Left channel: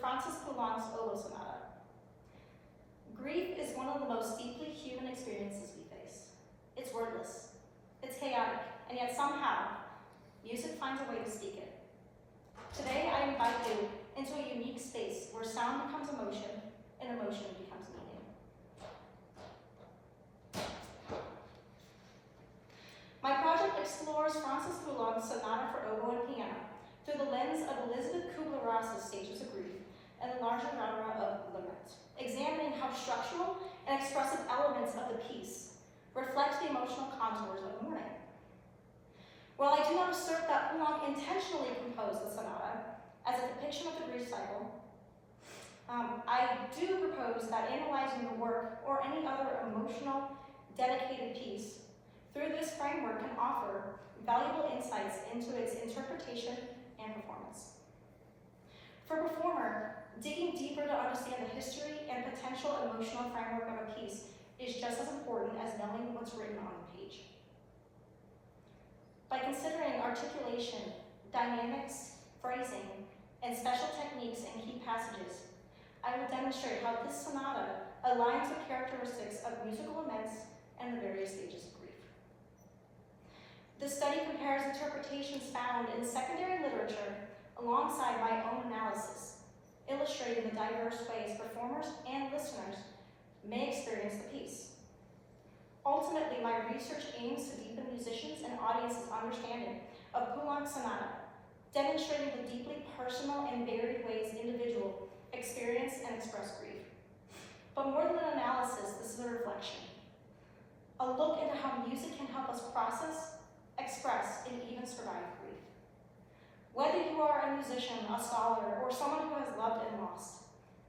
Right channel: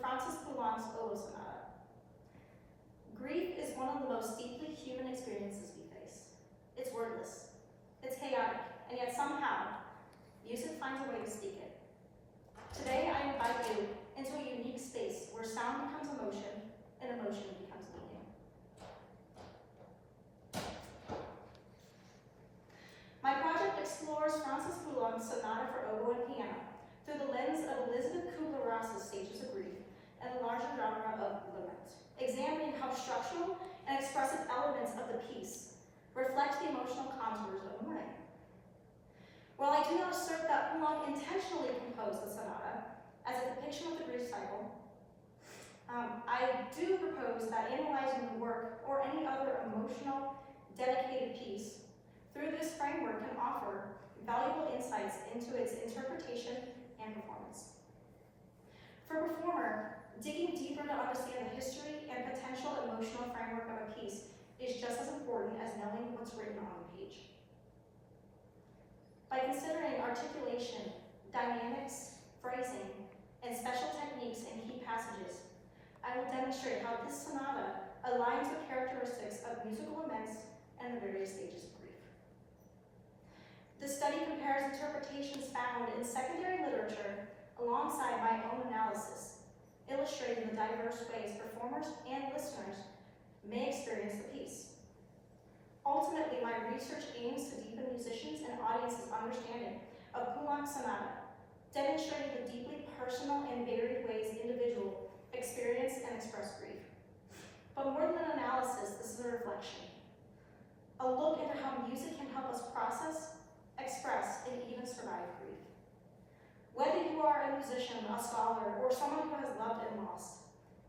Francis Poulenc's Oboe Sonata. Grief is one of the most deeply human experiences we face. It's wordless, it's chaotic, and yet somehow, music finds a way to speak it. Today, I invite you into a unique space where sound becomes emotion and emotion becomes meaning. My project explores Francis Poulenc's Sonata for Oboe and Piano through the lens of Elizabeth Kubler-Ross's Stages of Grief and the larger genre of lament, examining how structural and expressive elements of the piece reflect the emotional contours of mourning. While I do not assert that Poulenc intentionally composed the sonata as a depiction of the grief cycle, I do propose that analyzing the work or any other emotional, dedicated piece through this framework can offer valuable insights into its interpretation and performance. For a performer, digging deeper to understand the history and potential emotional framework of a piece is just as important as knowing what's written on the page. By considering articulation, dynamics, phrasing, and special techniques in key passages, I will demonstrate how this sonata aligns with characteristics of musical laments and the various stages of grief. The study compares interpretations found in secondary literature alongside my own analysis, illustrating the diverse ways performers and listeners may experience the piece. Ultimately, my research aims to deepen musicians' and audiences' understanding of Poulenc's sonata, demonstrating the deeply personal and varied ways individuals experience and express grief. But more than an analysis, this is a reflection. A look into how music can help us process, express, and even survive grief. Whether you are a musician, a scholar, or someone who has loved and lost,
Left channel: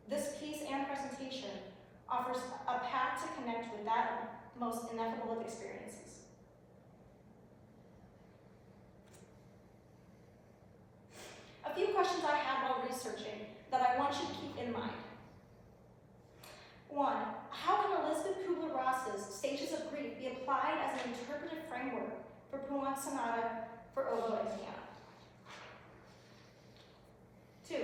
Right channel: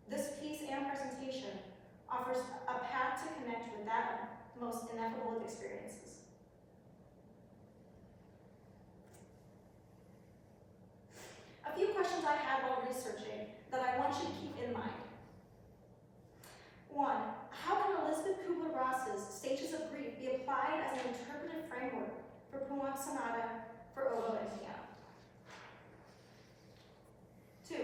this piece and presentation offers a path to connect with that most ineffable of experiences. A few questions I had while researching that I want you to keep in mind. 1, how can Elizabeth Kubler-Ross's Stages of Grief be applied as an interpretive framework for Poulenc's Sonata for Oboe and Piano? 2,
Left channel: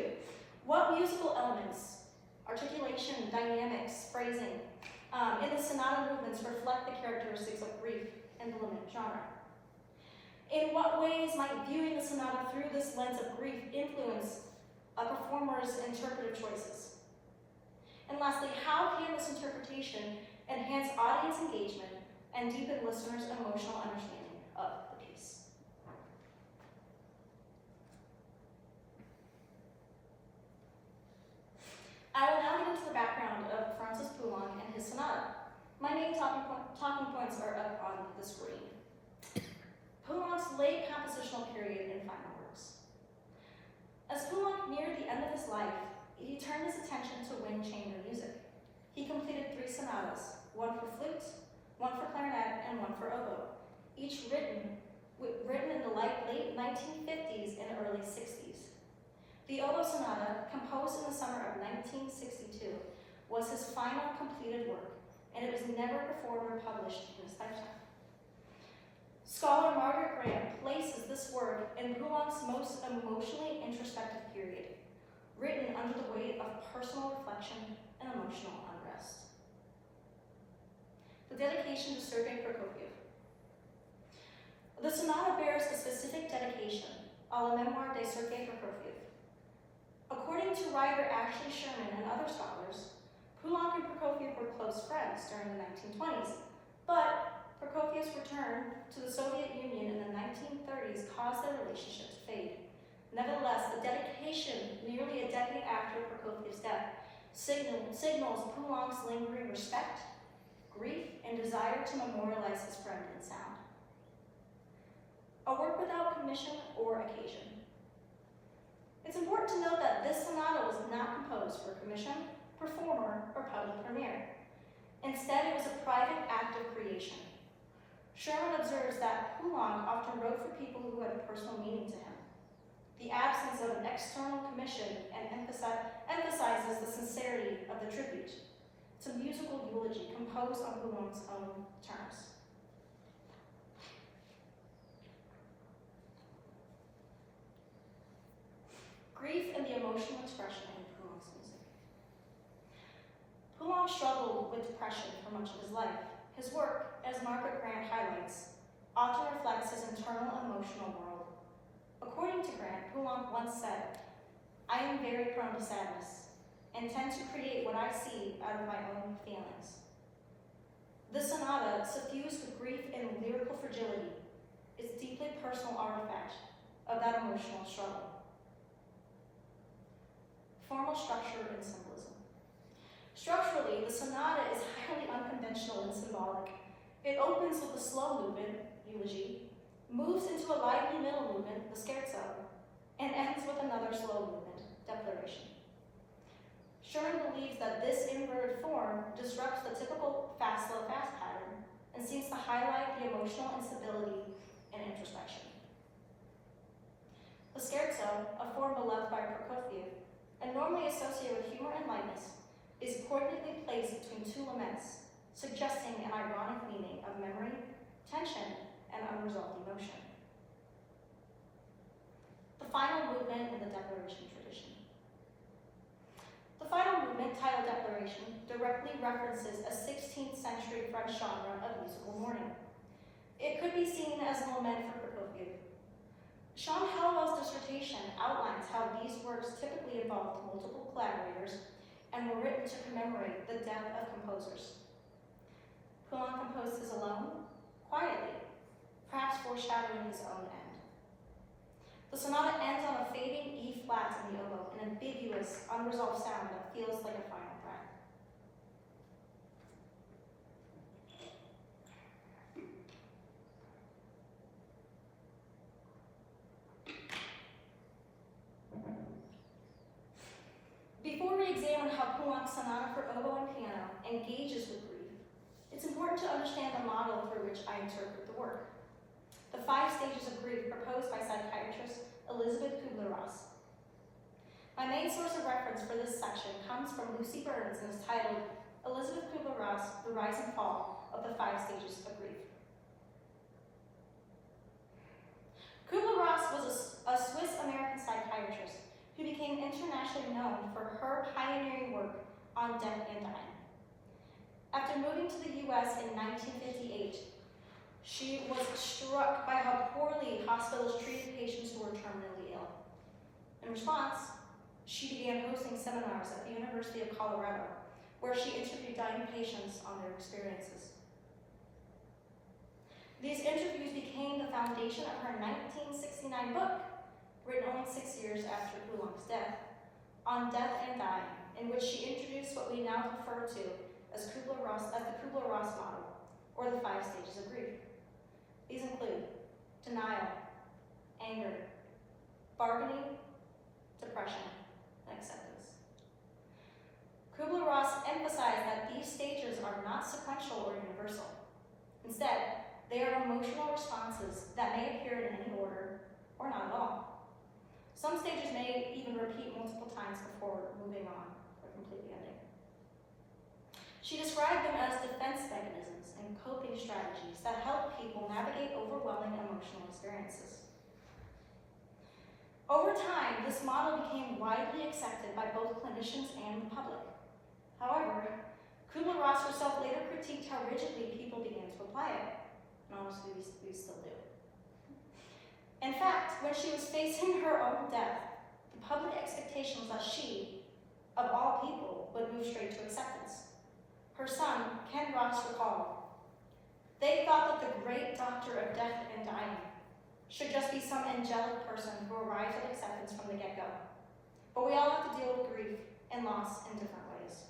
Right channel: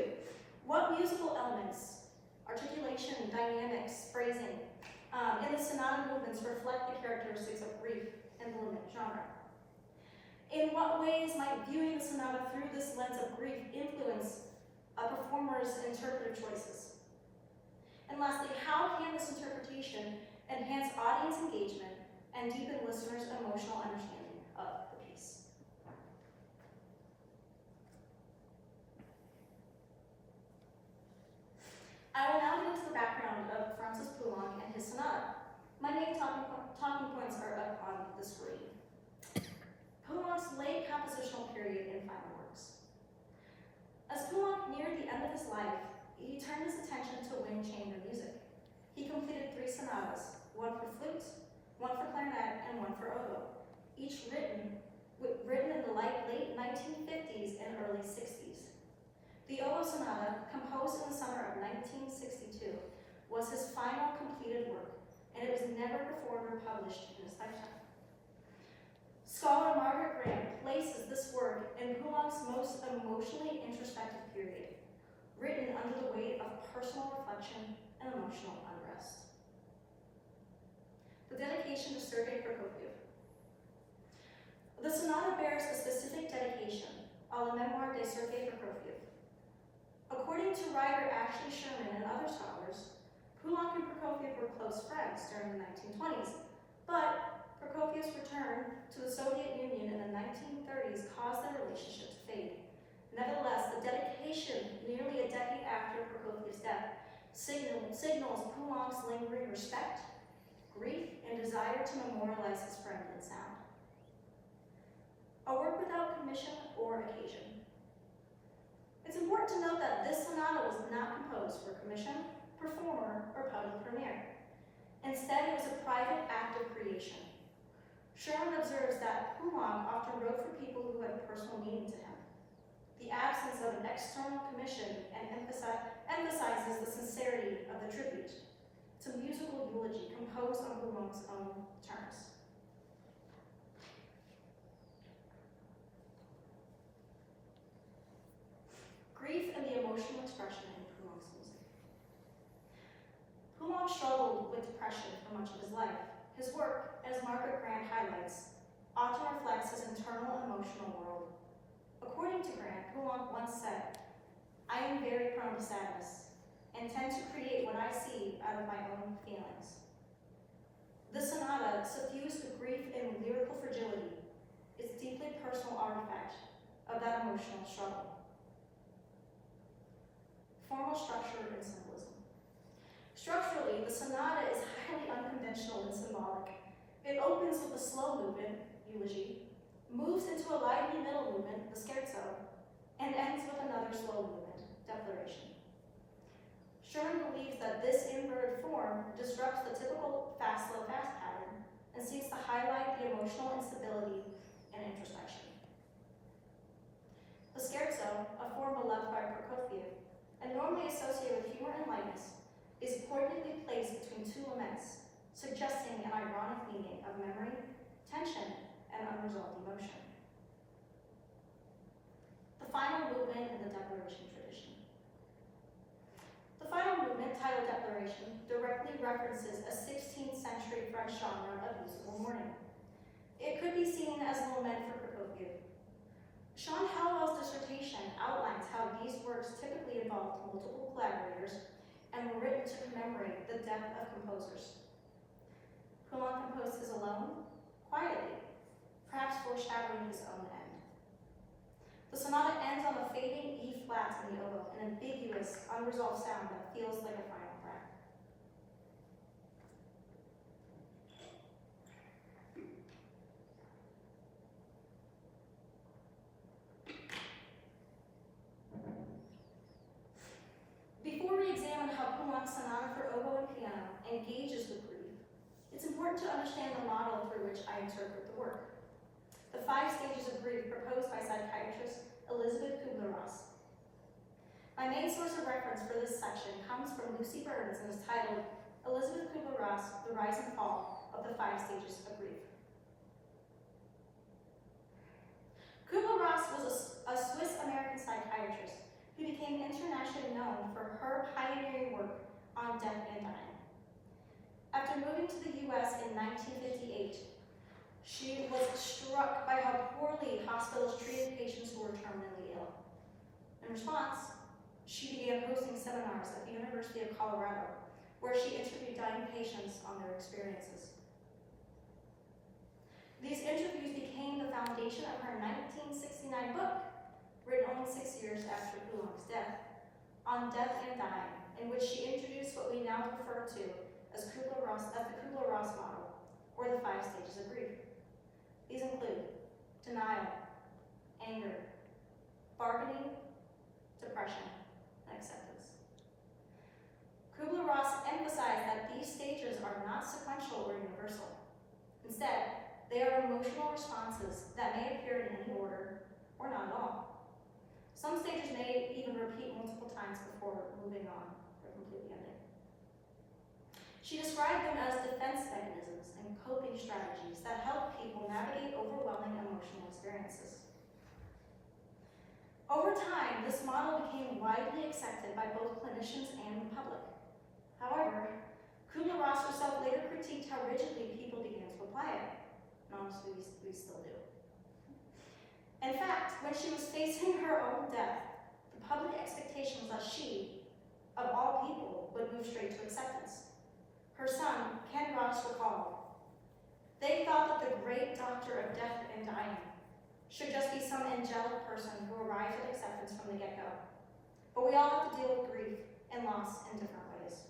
what musical elements, articulation, dynamics, phrasing, in the sonata movements reflect the characteristics of grief and the lament genre? In what ways might viewing the sonata through this lens of grief influence a performer's interpretive choices? And lastly, how can this interpretation enhance audience engagement and deepen listeners' emotional understanding of the piece? I will now get into the background of Francis Poulenc and his sonata. My main talking points are up on the screen. Poulenc's late compositional period in final works. As Poulenc neared the end of his life, he turned his attention to wind chamber music. He completed 3 sonatas, 1 for flute, 1 for clarinet, and 1 for oboe, each written in the late 1950s and early 60s. The oboe sonata, composed in the summer of 1962, was his final completed work, and it was never performed or published in his lifetime. Scholar Margaret Graham places this work in Poulenc's most emotionally introspective period, written under the weight of personal reflection and emotional unrest. The dedication to Sergei Prokofiev. The sonata bears a specific dedication, a la mémoire de Sergei Prokofiev. According to writer Ashley Sherman and other scholars, Poulenc and Prokofiev were close friends during the 1920s, but Prokofiev's return to the Soviet Union in the 1930s caused their relationship to fade. Nevertheless, the dedication, nearly a decade after Prokofiev's death, signals Poulenc's lingering respect, grief, and desire to memorialize his friend in sound. A work without commission or occasion. It's important to note that this sonata was not composed for commission, performer, or public premiere. Instead, it was a private act of creation. Sherman observes that Poulenc often wrote for people who had personal meaning to him. The absence of an external commission and emphasizes the sincerity of the tribute. It's a musical eulogy composed on Poulenc's own terms. Grief and the emotional expression in Poulenc's Poulenc struggled with depression for much of his life. His work, as Margaret Grant highlights, often reflects his internal emotional world. According to Grant, Poulenc once said, "I am very prone to sadness and tend to create what I see out of my own feelings." The sonata, suffused with grief and lyrical fragility, is a deeply personal artifact of that emotional struggle. Formal structure and symbolism. Structurally, the sonata is highly unconventional and symbolic. It opens with a slow movement, eulogy, moves into a lively middle movement, the scherzo, and ends with another slow movement, declaration. Sherman believes that this inverted form disrupts the typical fast, slow, fast pattern and seems to highlight the emotional instability and introspection. The scherzo, a form beloved by Prokofiev and normally associated with humor and lightness, is poignantly placed between two laments, suggesting an ironic meaning of memory, tension, and unresolved emotion. The final movement in the declaration tradition. The final movement, titled Declaration, directly references a 16th century French genre of musical mourning. It could be seen as a lament for Prokofiev. Sean Hallowell's dissertation outlines how these works typically involved multiple collaborators and were written to commemorate the death of composers. Poulenc composed his alone, quietly, perhaps foreshadowing his own end. The sonata ends on a fading E flat in the oboe, an ambiguous, unresolved sound that feels like a final breath. Before we examine how Poulenc's sonata for oboe and piano engages with grief, it's important to understand the model through which I interpret the work. The 5 stages of grief proposed by psychiatrist Elizabeth Kubler-Ross. My main source of reference for this section comes from Lucy Burns and is titled Elizabeth Kubler-Ross, The Rise and Fall of the 5 Stages of Grief. Kubler-Ross was a Swiss-American psychiatrist who became internationally known for her pioneering work on death and dying. After moving to the US in 1958, she was struck by how poorly hospitals treated patients who were terminally ill. In response, she began hosting seminars at the University of Colorado, where she interviewed dying patients on their experiences. These interviews became the foundation of her 1969 book, written only 6 years after Poulenc's death, on death and dying, in which she introduced what we now refer to as the Kubler-Ross model, or the 5 stages of grief. These include denial, anger, bargaining, depression, and acceptance. Kubler-Ross emphasized that these stages are not sequential or universal. Instead, they are emotional responses that may appear in any order or not at all. Some stages may even repeat multiple times before moving on or completely ending. She described them as defense mechanisms and coping strategies that help people navigate overwhelming emotional experiences. Over time, this model became widely accepted by both clinicians and the public. However, Kubler-Ross herself later critiqued how rigidly people began to apply it. And honestly, we still do. In fact, when she was facing her own death, the public expectation was that she, of all people, would move straight to acceptance. Her son, Ken Ross, recalled, "They thought that the great doctor of death and dying should just be some angelic person who arrives at acceptance from the get-go. But we all have to deal with grief and loss in different ways."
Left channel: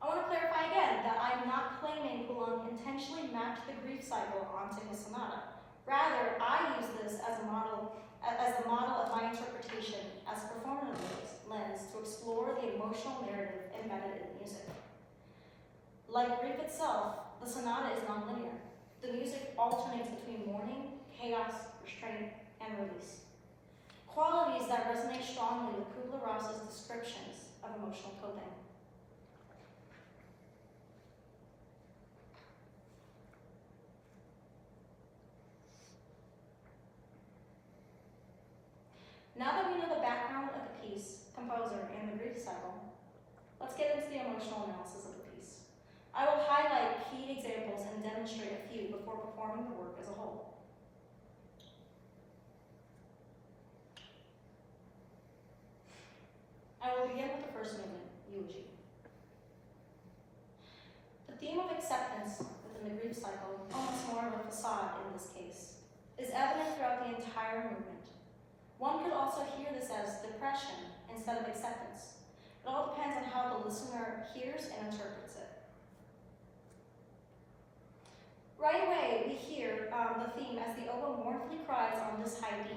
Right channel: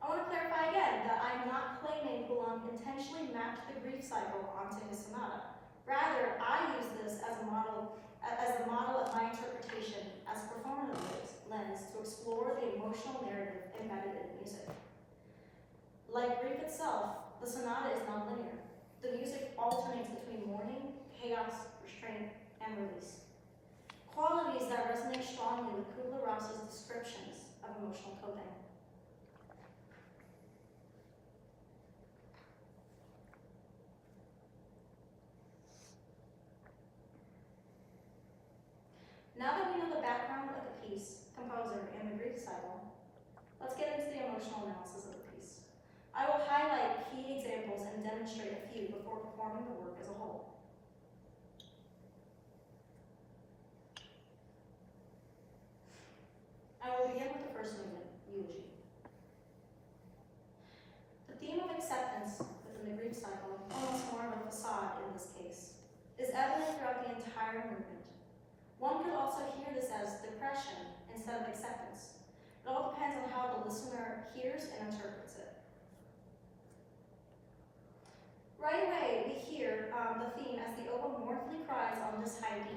I want to clarify again that I'm not claiming Poulenc intentionally mapped the grief cycle onto his sonata. Rather, I use this as a model of my interpretation as a performative lens to explore the emotional narrative embedded in the music. Like grief itself, the sonata is nonlinear. The music alternates between mourning, chaos, restraint, and release. Qualities that resonate strongly with Kubler-Ross's descriptions of emotional coping. Now that we know the background of the piece, composer, and the grief cycle, Let's get into the emotional analysis of the piece. I will highlight key examples and demonstrate a few before performing the work as a whole. I will begin with the first movement, eulogy. The theme of acceptance within the grief cycle, almost more of a facade in this case, is evident throughout the entire movement. One could also hear this as depression instead of acceptance. It all depends on how the listener hears and interprets it. Right away, we hear the theme as the oboe mournfully cries on this high D,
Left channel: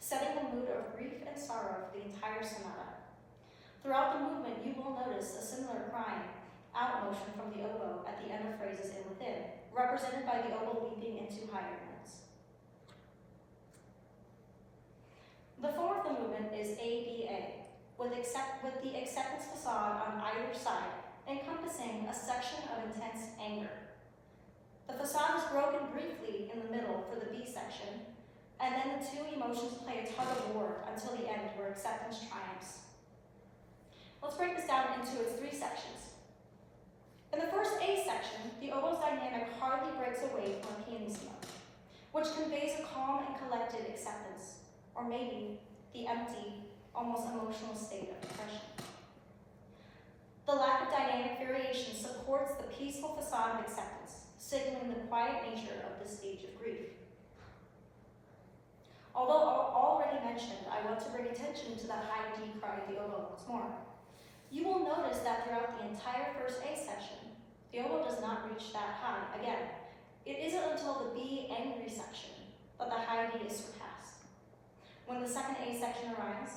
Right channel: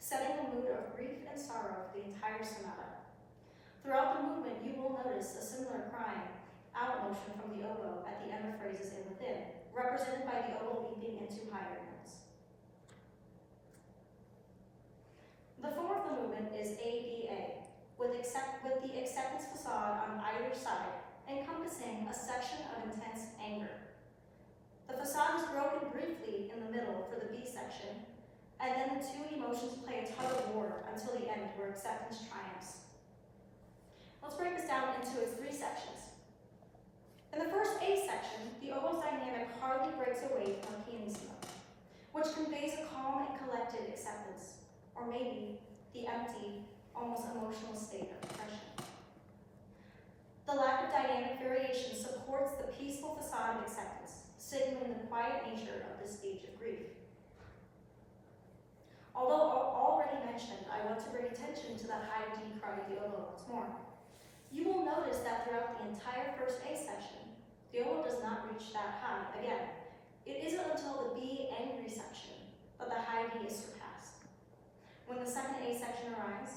setting the mood of grief and sorrow for the entire sonata. Throughout the movement, you will notice a similar crying out motion from the oboe at the end of phrases in within, represented by the oboe leaping into higher notes. The form of the movement is ABA, with the acceptance facade on either side, encompassing a section of intense anger. The facade is broken briefly in the middle for the B section, and then the two emotions play a tug of war until the end where acceptance triumphs. Let's break this down into its three sections. In the first A section, the oboe's dynamic hardly breaks away from a pianissimo, which conveys a calm and collected acceptance, or maybe the empty, almost emotional state of depression. The lack of dynamic variation supports the peaceful facade of acceptance, signaling the quiet nature of this stage of grief. Although already mentioned, I want to bring attention to the high D cry of the oboe once more. You will notice that throughout the entire first A section, the oboe does not reach that high again. It isn't until the B angry section that the high D is surpassed. When the second A section arrives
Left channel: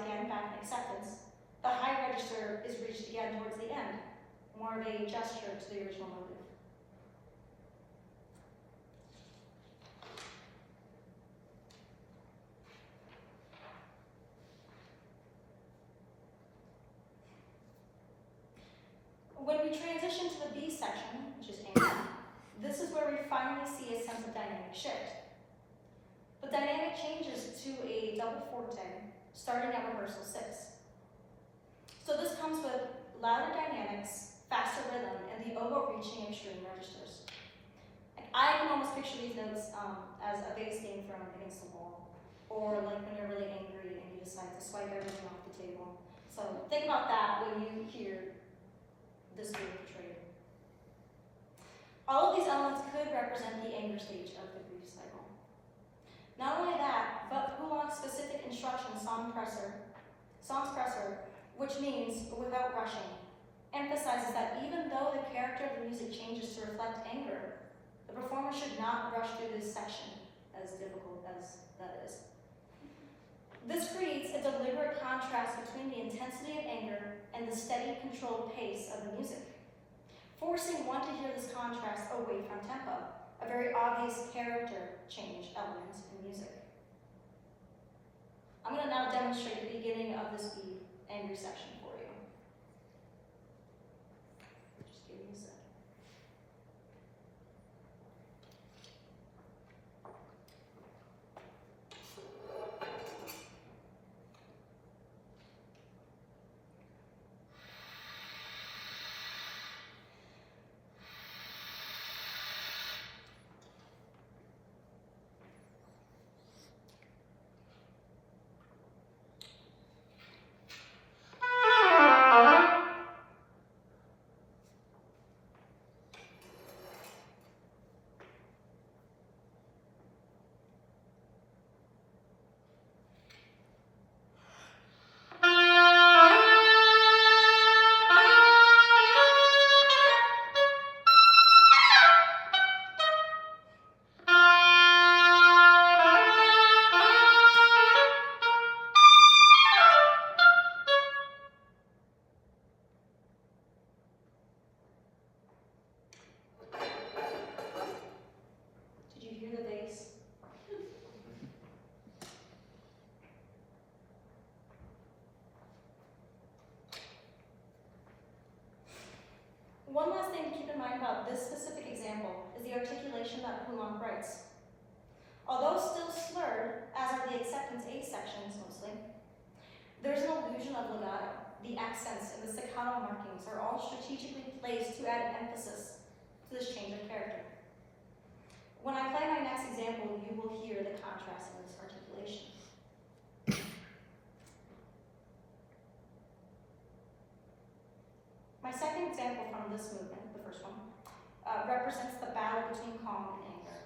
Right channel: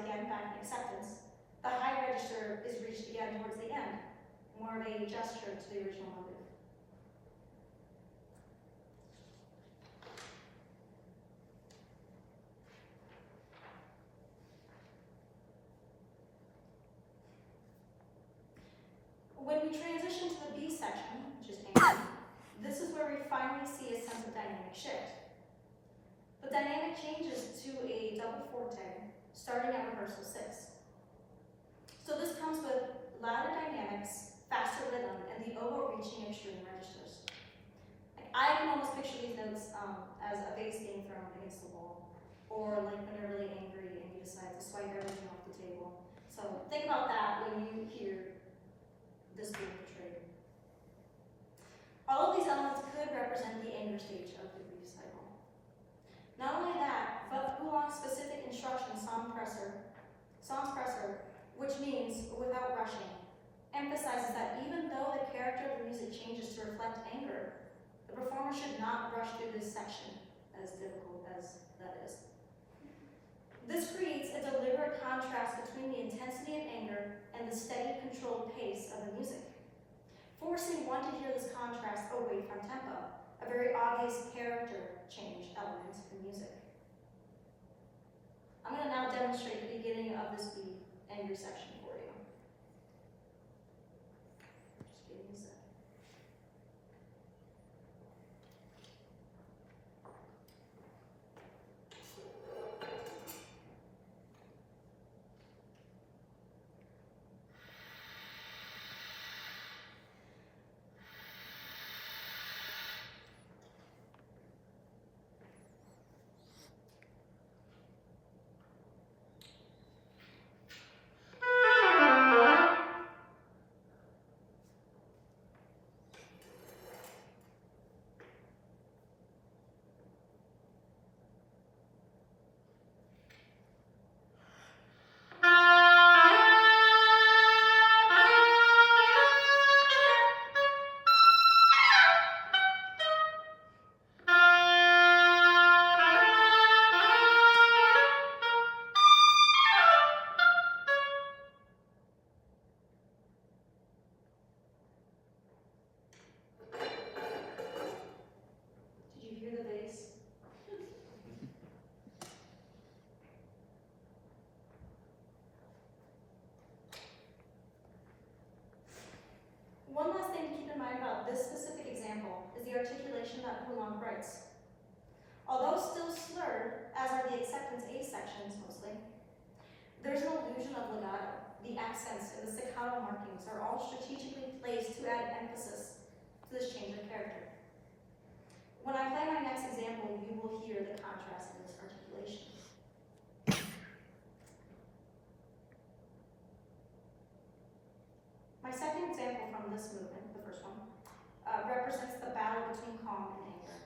again back in acceptance, the high register is reached again towards the end, more of a gesture to the original motive. When we transition to the B section, which is angry, this is where we finally see a sense of dynamic shift. The dynamic changes to a double forte, starting at rehearsal 6. So this comes with louder dynamics, faster rhythm, and the oboe reaching extreme registers. I can almost picture these notes as a bass being thrown against the wall, or like when you're really angry and you decide to swipe everything off the table. So think about that when you hear this being portrayed. All of these elements could represent the anger stage of the grief cycle. Not only that, but Poulenc's specific instruction, sans pressure, which means without rushing, emphasizes that even though the character of the music changes to reflect anger, the performer should not rush through this section, as difficult as that is. This creates a deliberate contrast between the intensity of anger and the steady, controlled pace of the music, forcing one to hear this contrast away from tempo, a very obvious character change element in music. I'm going to now demonstrate the beginning of this B angry section for you. Just give me a sec. One last thing to keep in mind about this specific example is the articulation that Poulenc writes. Although still slurred, as are the acceptance A sections mostly, there's an illusion of legato. the accents, and the staccato markings are all strategically placed to add emphasis to this change of character. When I play my next example, you will hear the contrast in this articulation. My second example from this movement, the first one, represents the battle between calm and anger.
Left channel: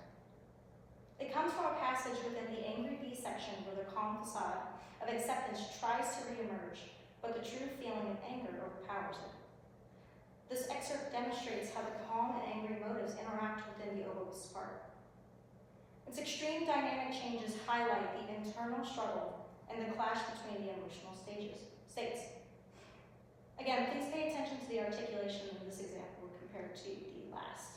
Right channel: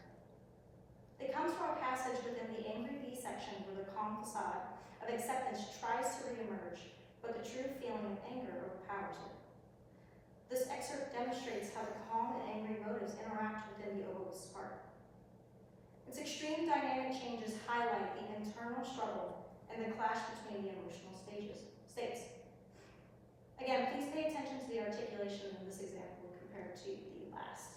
It comes from a passage within the Angry Bee section where the calm facade of acceptance tries to reemerge, but the true feeling of anger overpowers it. This excerpt demonstrates how the calm and angry motives interact within the oboist part. Its extreme dynamic changes highlight the internal struggle and the clash between the emotional states. Again, please pay attention to the articulation in this example compared to the last.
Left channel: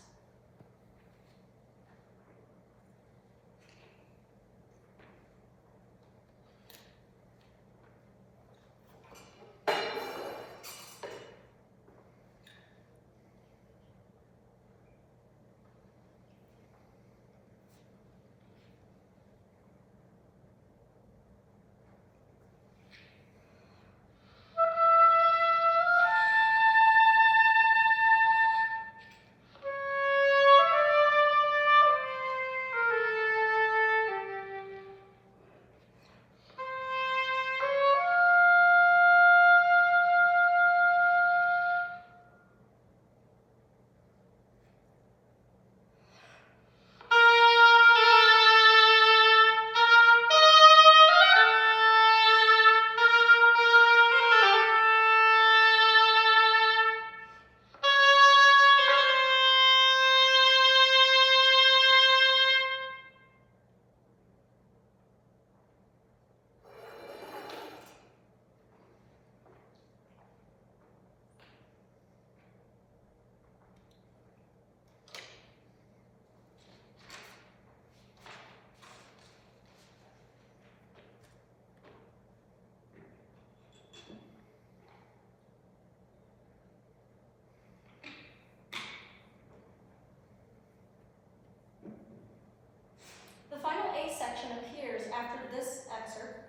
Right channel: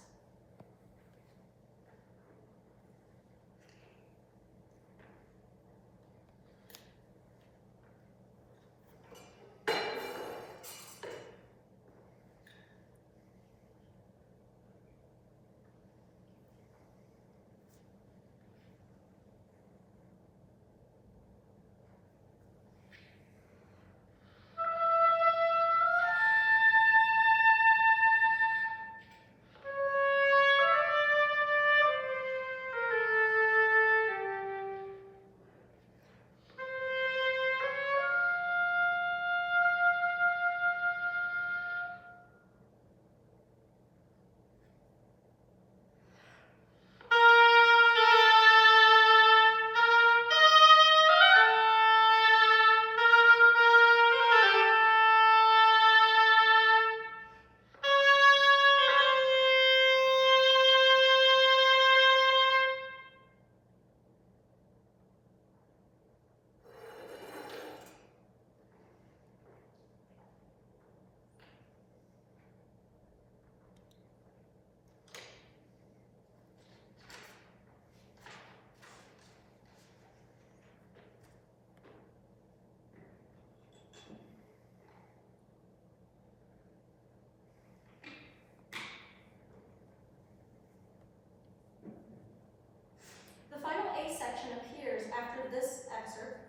The final A section appears after this excerpt,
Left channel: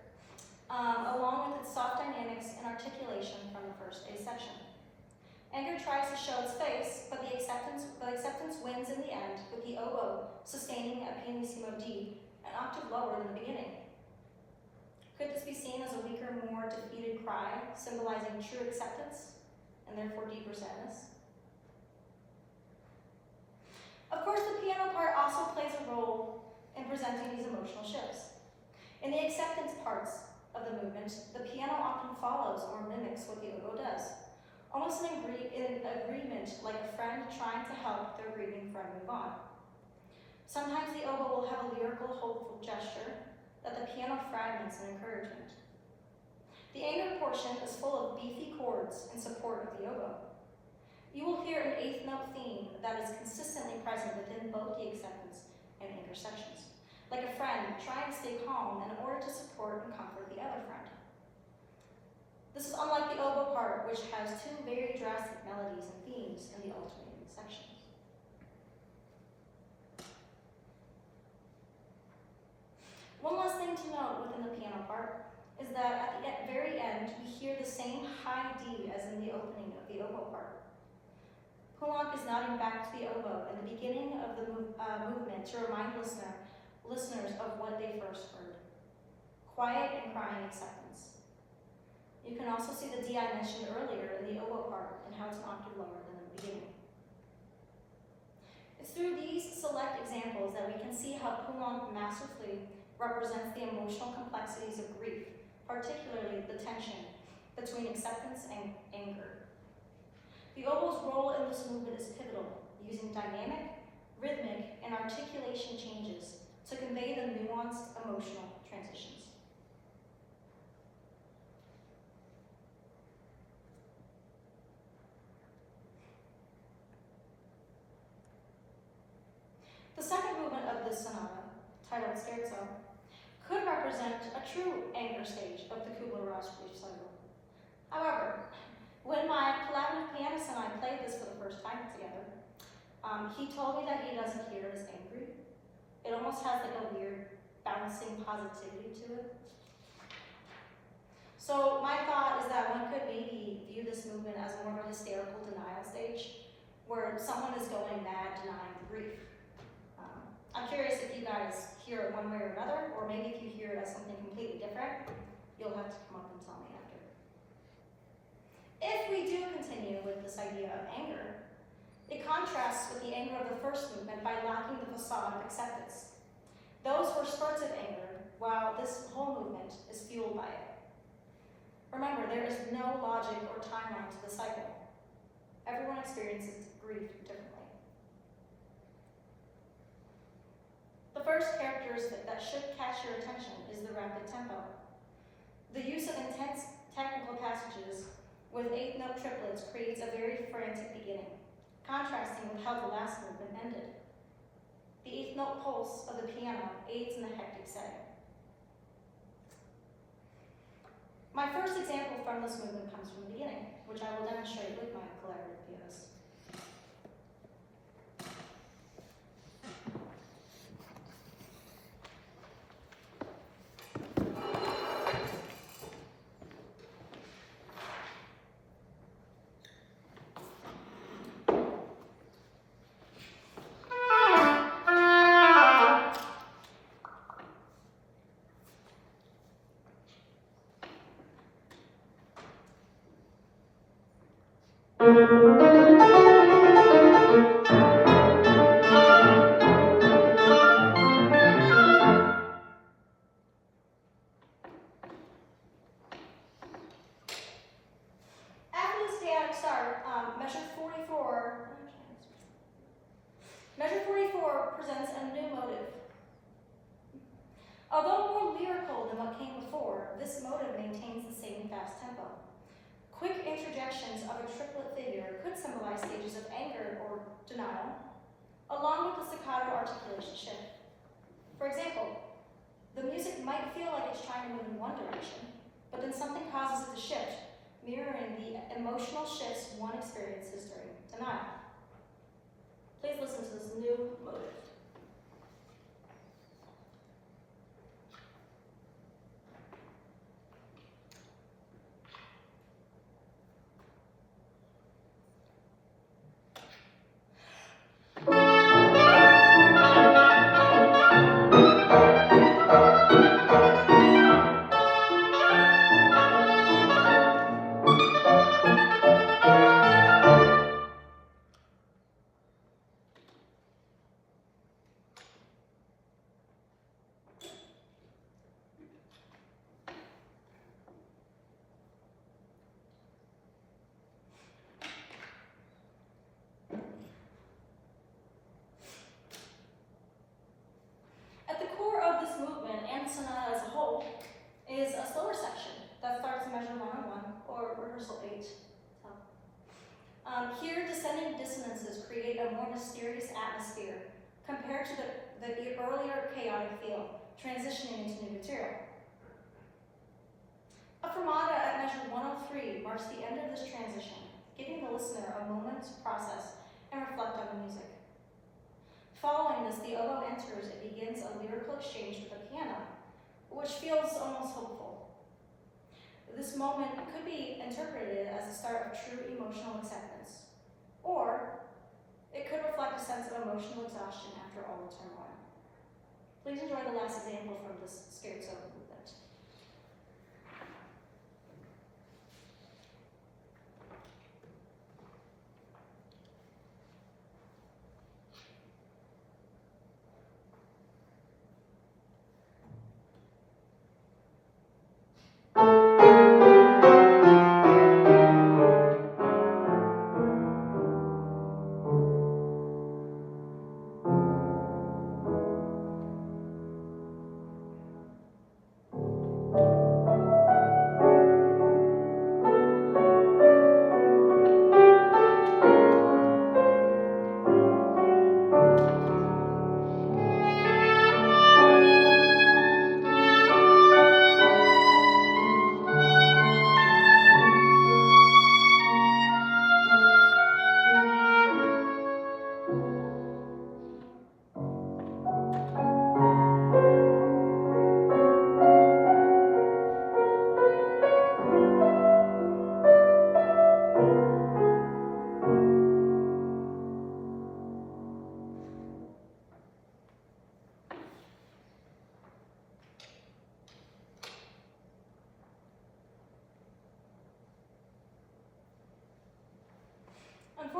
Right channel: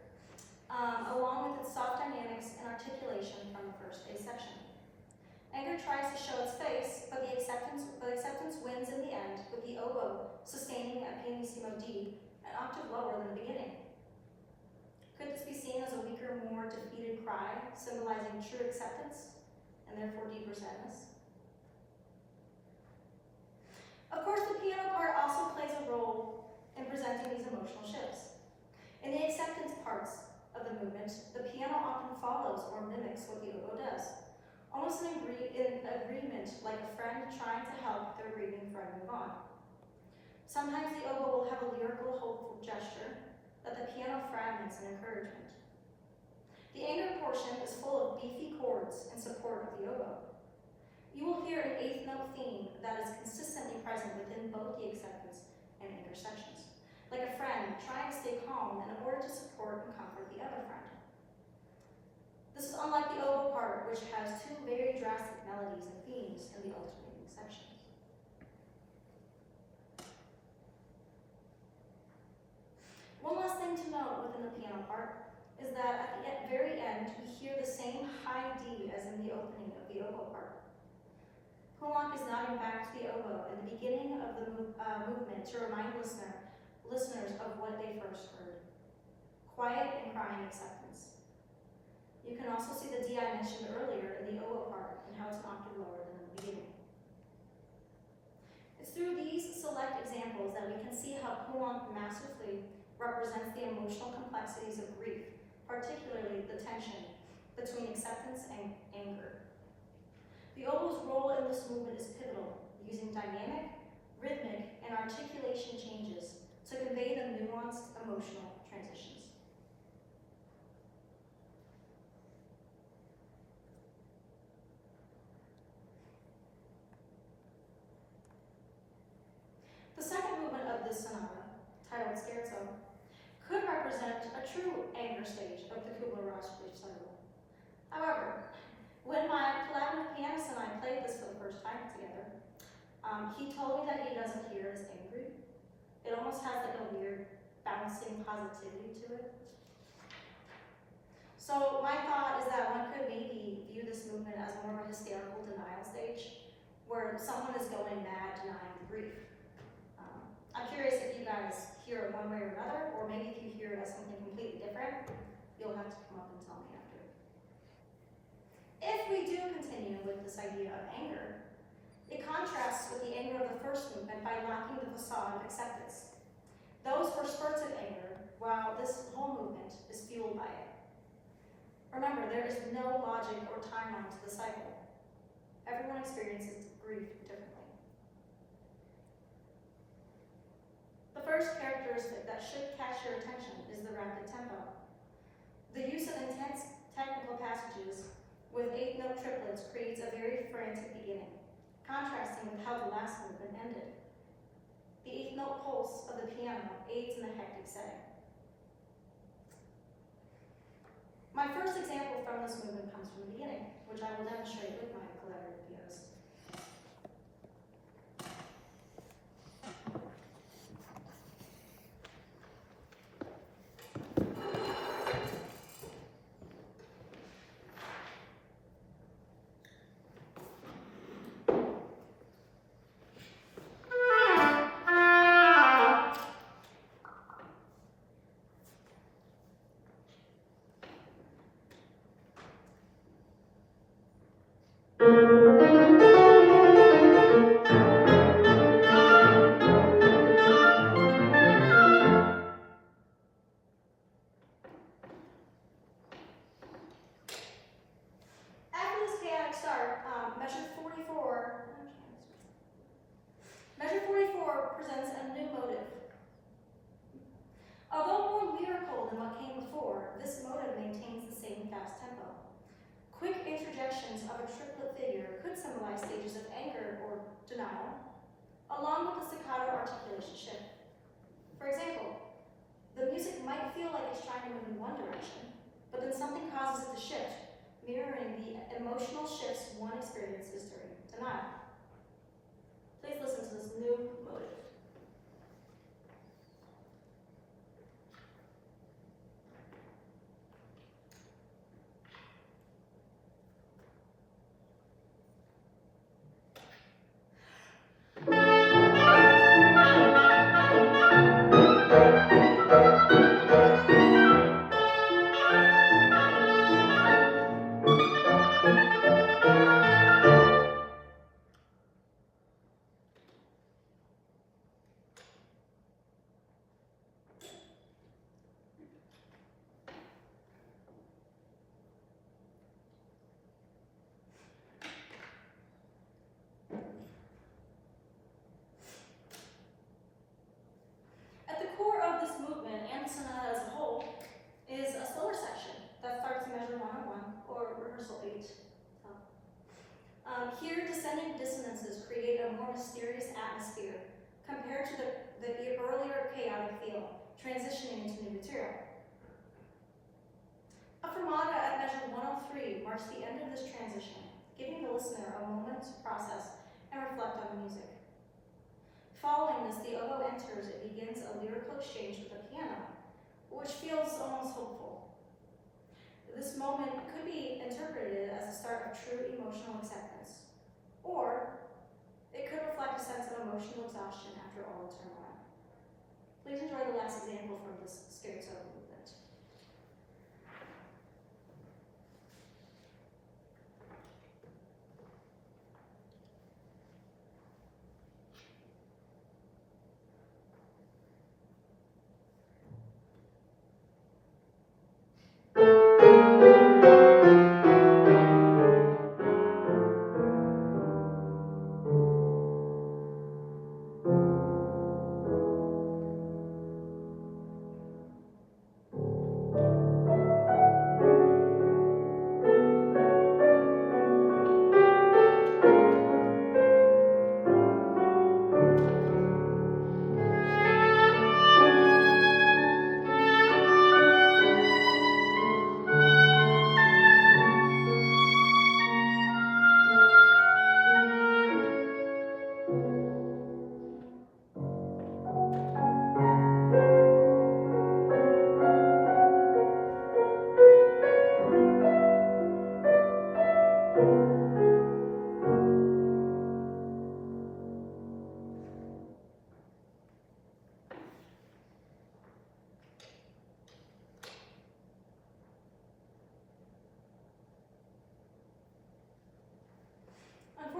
along with its soft dynamics and articulation from the first A section. Anger tries to show its face, but acceptance wins in the end, with the oboe sustaining a pianissimo D, an octave lower than the beginning. Could this be seen as a weaker, more defeated cry, symbolizing true acceptance, and therefore deeper sadness? Of course, the piano part also plays a role in presenting these emotional shifts. In the acceptance parts of the movement, the piano often follows or mimics what the oboe does, almost in agreement, like a friend trying to help their grieving friend move on. Sometimes the oboe will have a lyrical, hopeful gesture that the piano fragments in encouragement. The anger portion is full of beefy chords in support of the oboe. You will hear an eighth note theme that is consistently present within both the acceptance and anger sections, like a friend trying to stay calm in order to support and comfort the other friend. This is unlike the oboe part, which has two very drastic melodies and themes in the alternating sections. One last thing to note within the piano part is that at the very end, we hear the same high D as in the opening of the oboe part. Poulenc is nodding back to the oboe at the beginning of the movement to remind listeners of what they first heard: quiet and crying acceptance. You can also see the D I mentioned earlier in the oboe part and how it's an octave lower than in the beginning. It's through these select examples that we can see how Poulenc masterfully represents the emotional complexities of grief, particularly the tension between acceptance and anger. The oboe's role in this movement is pivotal, using dynamic, rhythmic, and articulation changes to convey the nuanced emotional transitions. The second movement of this sonata, titled Scherzo, could represent a true anger stage of the Kubler-Ross recital. However, when my collaborative pianist and I played this for the first time together, he told me that he doesn't hear it as angry. It almost has like a weird bouncing positivity to it. So my thought is that one could maybe this movement as more of a hysterical denial stage, where someone is going mad denying the grief. I'm curious if you guys hear it one way or another, or maybe if you hear it as something completely different. You'll have to come up and tell me after. If we do continue with this idea of anger, it contrasts with the anger of the first movement by lacking the facade of acceptance. Those were spurts of anger, while this whole movement is fueled by it. Remember, there is no logic or timeline to the cycle. Everyone experiences grief differently. The first characteristic that should catch your attention is the rapid tempo. The use of intense technical passages with eighth note triplets creates a very frantic beginning, contrasting with how the last movement ended. The eighth note pulse of the piano aids in the hectic setting. My first example from this movement comes from the beginning, which I will demonstrate with my collaborative pianist. Measure 44 presents a new motive. Although more lyrical than what came before, this motive maintains the same fast tempo. Quick interjections of a triplet figure could symbolize stages of anger or denial, along with the staccato articulation shift. For example, the music might feel like it's trying to move in one direction, but then something causes it to shift, mirroring the emotional shifts one experiences during denial. Please listen to this new motive. At the core of this movement and the sonata as a whole is a slower section that starts in measure 101 or rehearsal 8. Here, descending dissonances create a more mysterious atmosphere compared to the earlier chaotic feel, transitioning into new material. A fermata at measure 103 marks the end of this transition, giving the listener a moment to process and reflect on the music. Following this, the oboe enters. It begins a lyrical exchange with the piano, which feels almost hopeful. This moment could be interpreted as the start of true emotional acceptance, or it could reflect a sense of emotional exhaustion after all the turmoil. Please enjoy the last example from this scherzo movement.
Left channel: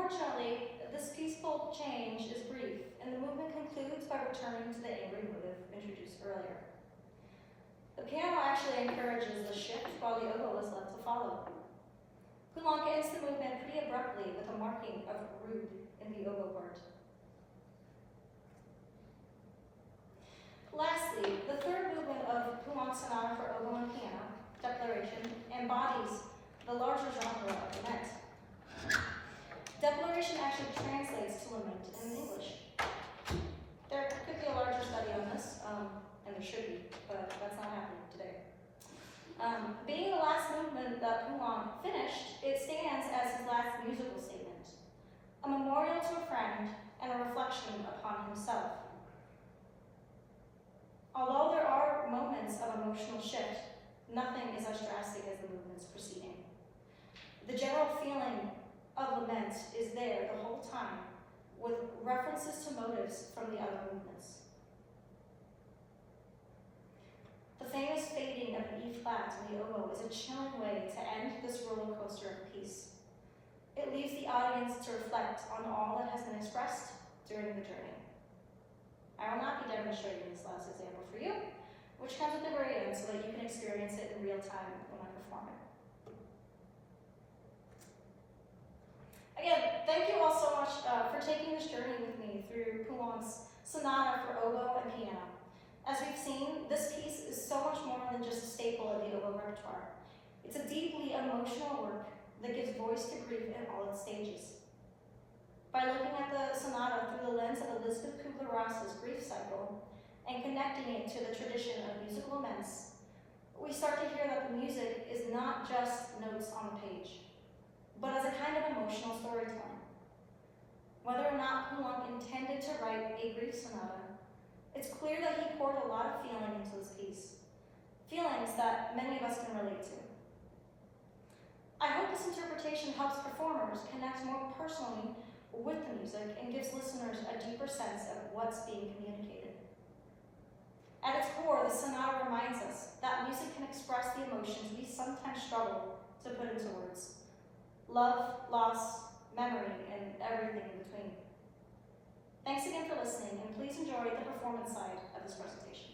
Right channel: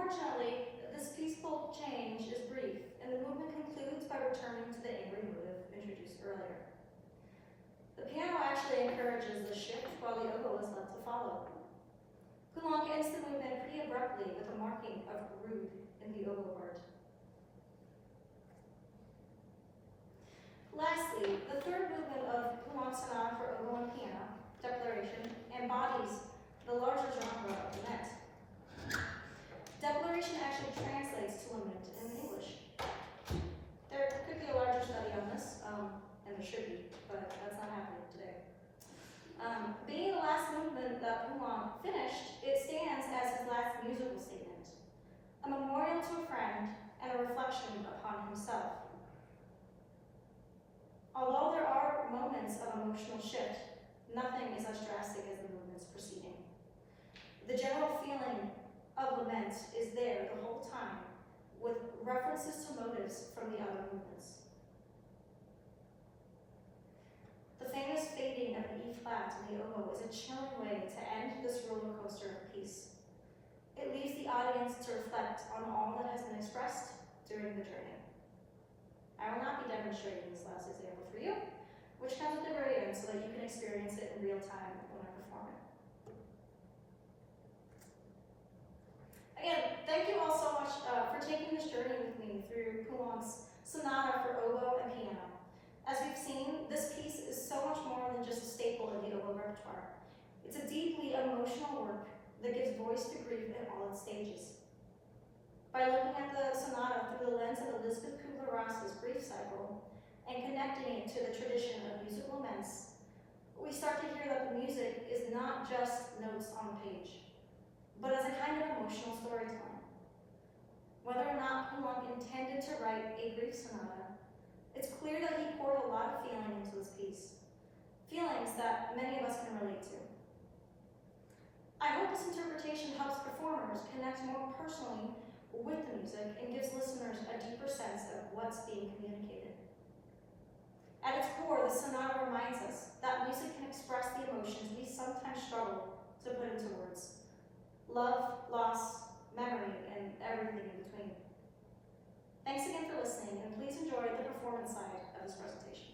Unfortunately, this peaceful change is brief, and the movement concludes by returning to the angry motive introduced earlier. The piano actually encourages the shift, while the oboe is left to follow. Poulenc ends the movement pretty abruptly with a marking of rude in the oboe part. Lastly, the third movement of Poulenc's sonata for oboe and piano, Declaration, embodies the larger genre of lament. Declaration actually translates to lament in English. There could be a larger study on this, and there should be, but that's not happening today. Being the last movement that Poulenc finished, it stands as his last musical statement, a memorial to a friend and a reflection upon himself. Although there are moments of emotional shift, nothing is as drastic as the movements preceding. The general feeling of lament is there the whole time, with references to motives from the other movements. The famous fading of an E flat on the oboe is a chilling way to end this roller coaster of peace. It leaves the audience to reflect on all that has been expressed during the journey. I will not be demonstrating this last example for you, which comes at the very end so that you can experience it in real time when I perform it. Again, thank you all so much for taking this journey with me through Poulenc's sonata for oboe and piano. As we've seen, this piece is so much more than just a staple of the oboe repertoire. It's a deeply emotional work that gives voice to grief in all its stages. By looking at the sonata through the lens of Elizabeth Kubler-Ross's grief cycle and connecting it to the tradition of musical laments, we start to hear that the music is not just notes on the page, but as a kind of emotional storytelling. Whether or not Poulenc intended to write a grief sonata, it's clear that he poured a lot of feeling into this piece, feelings that many of us can relate to. I hope this interpretation helps performers connect more personally with the music and gives listeners a deeper sense of what's being communicated. At its core, the sonata reminds us that music can express the emotions we sometimes struggle to put into words. Love, loss, memory, and everything in between. Thanks again for listening, and please enjoy the performance side of this presentation.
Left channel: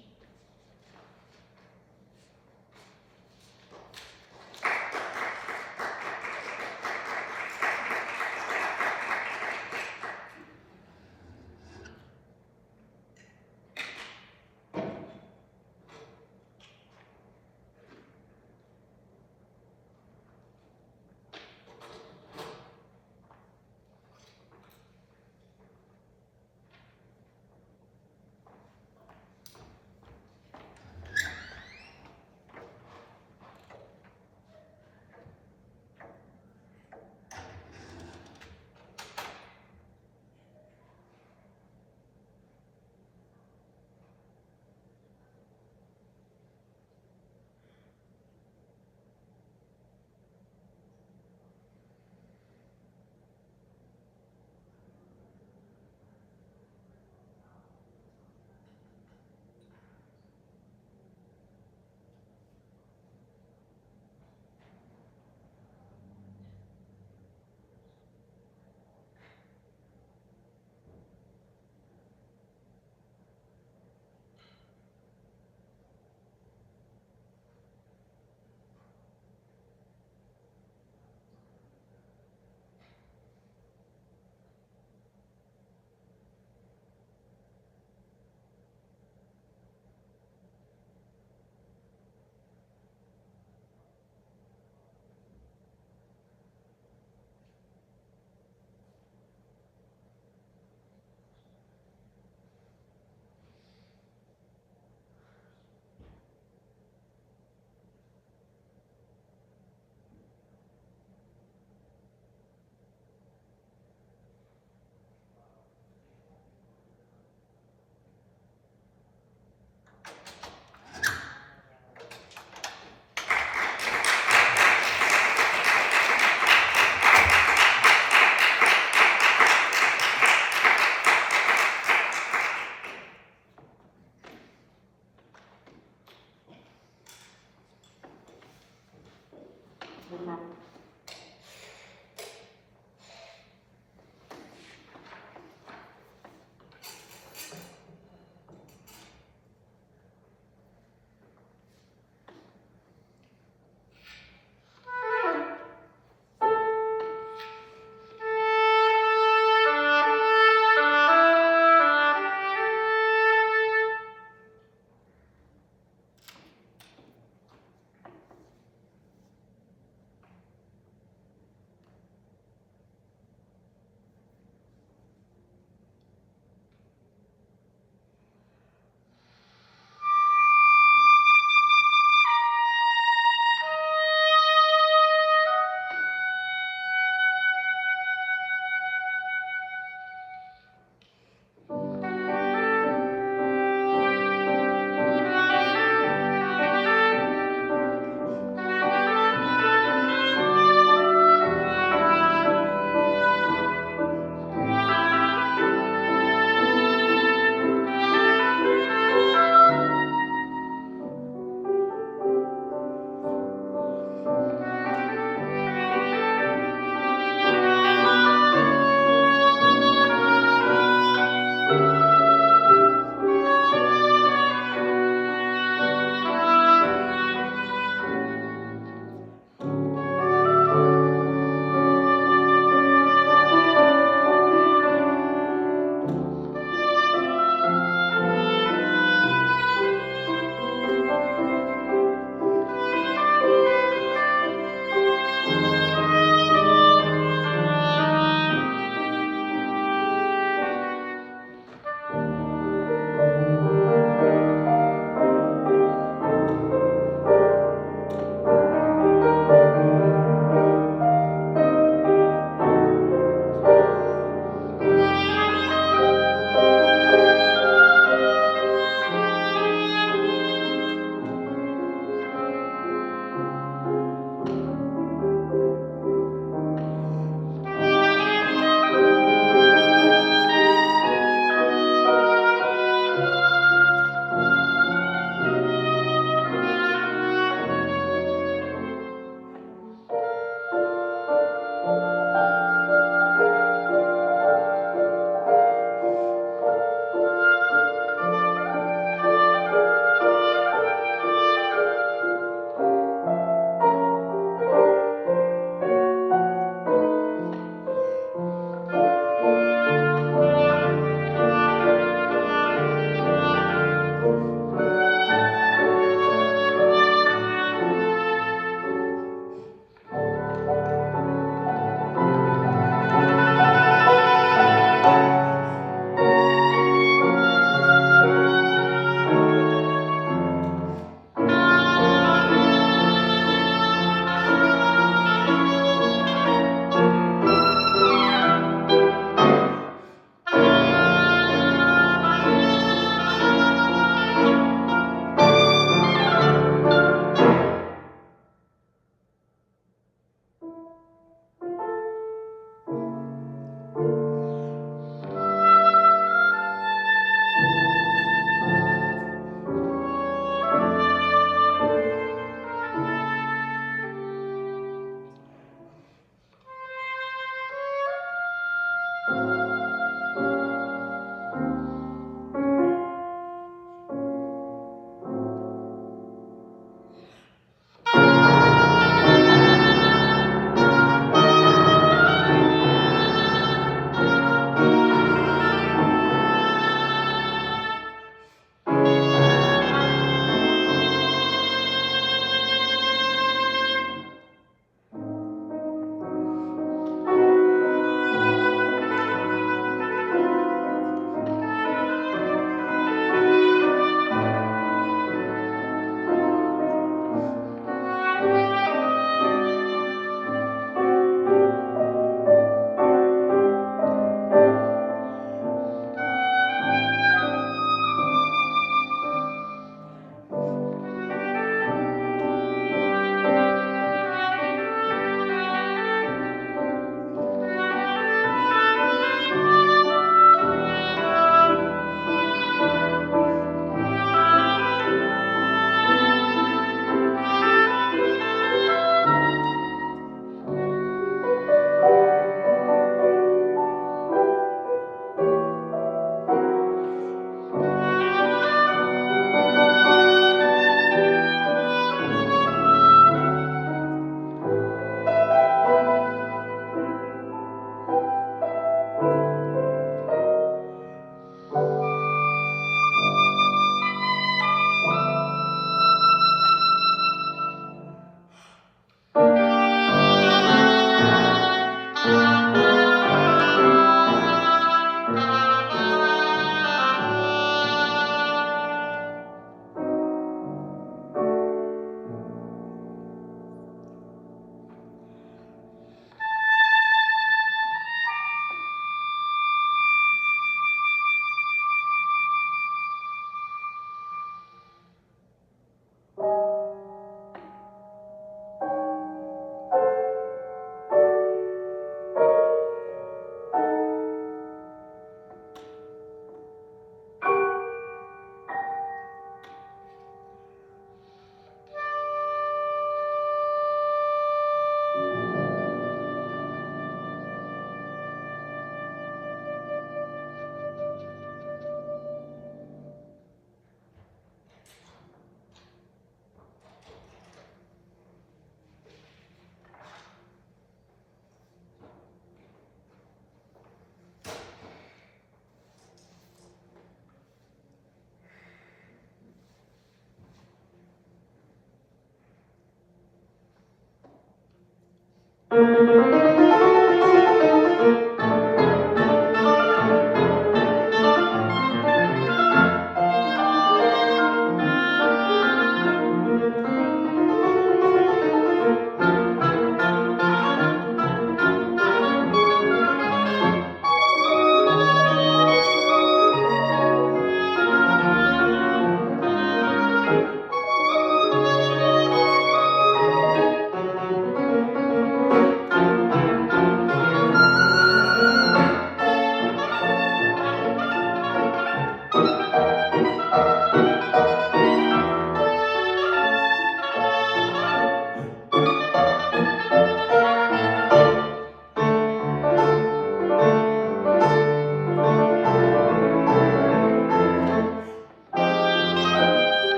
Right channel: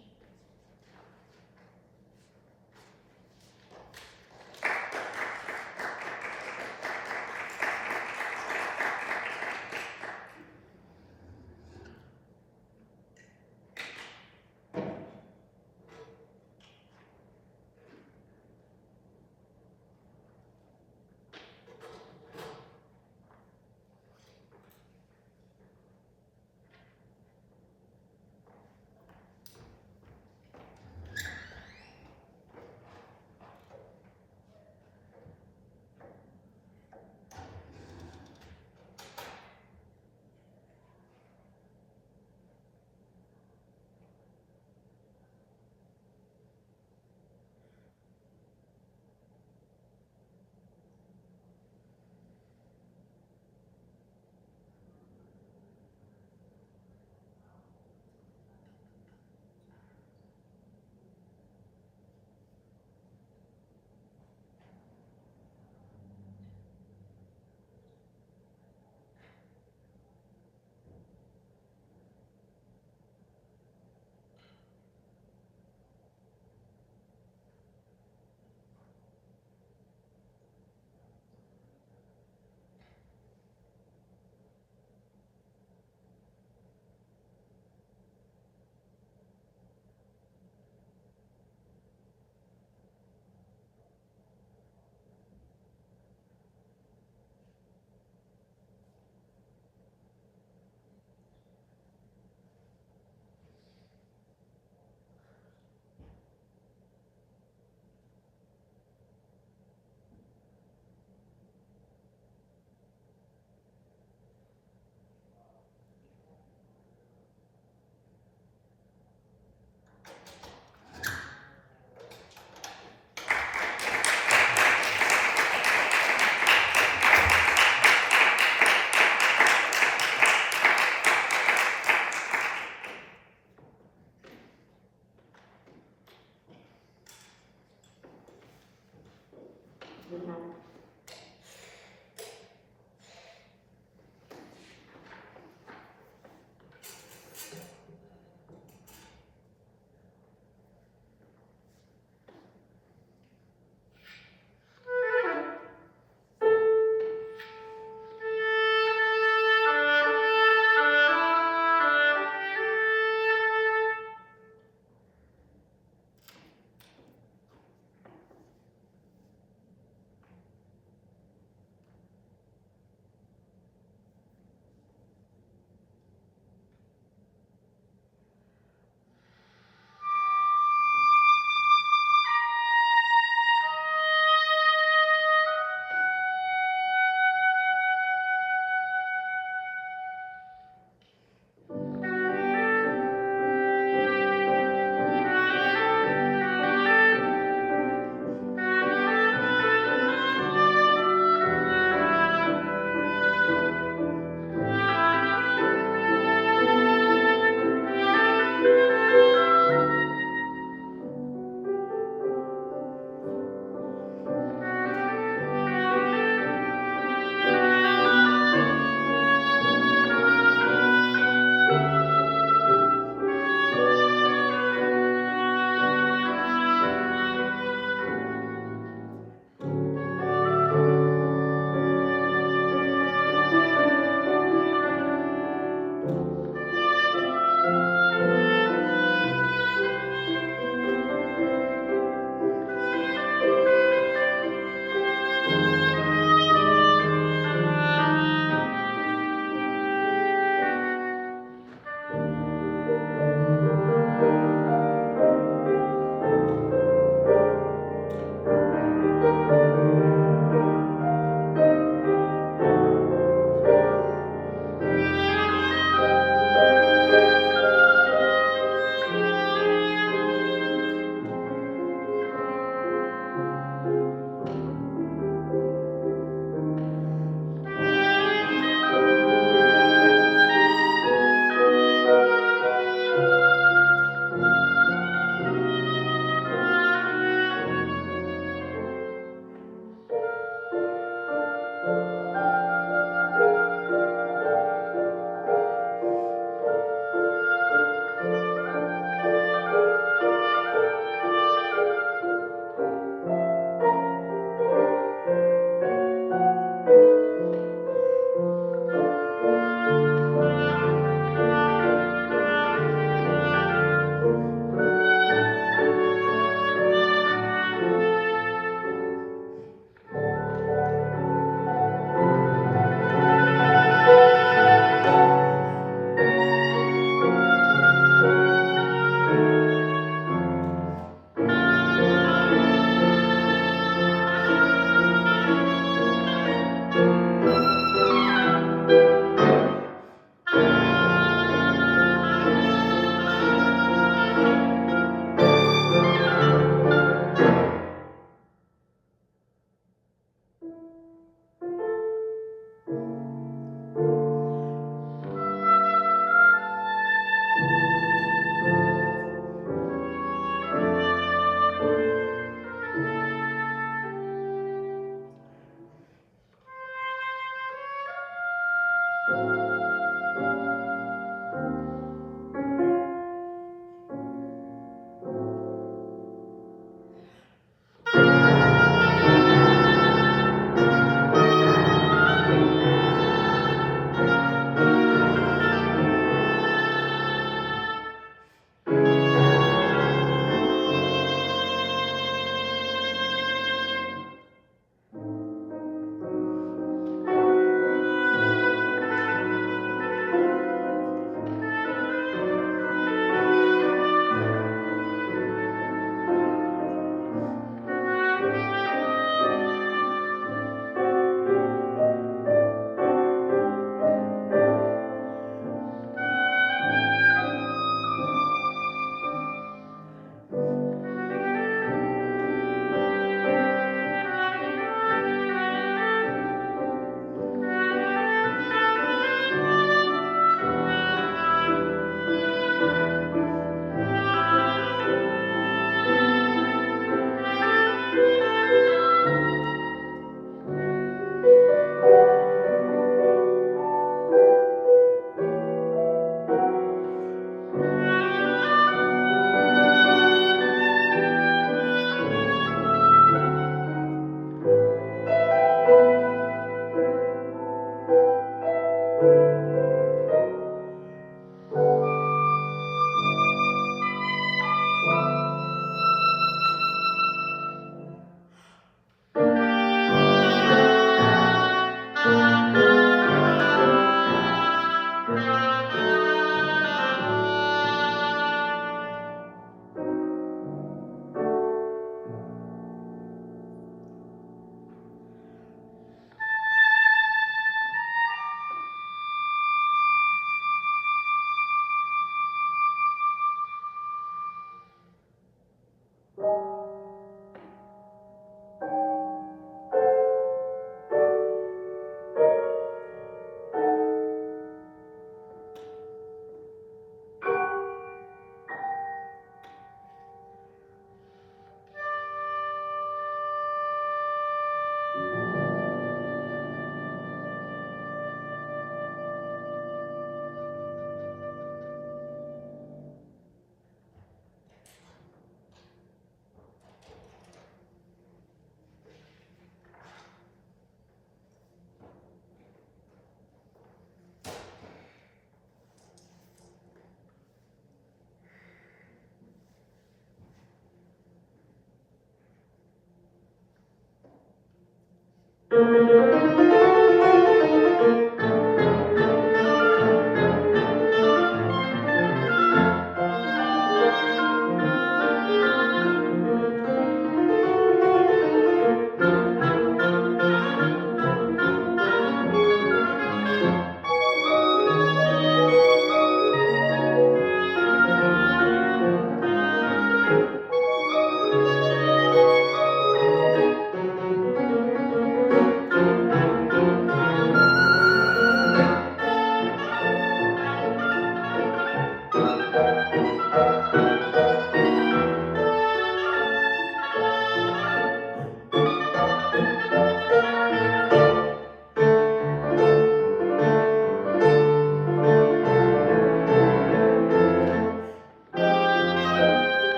Thank you.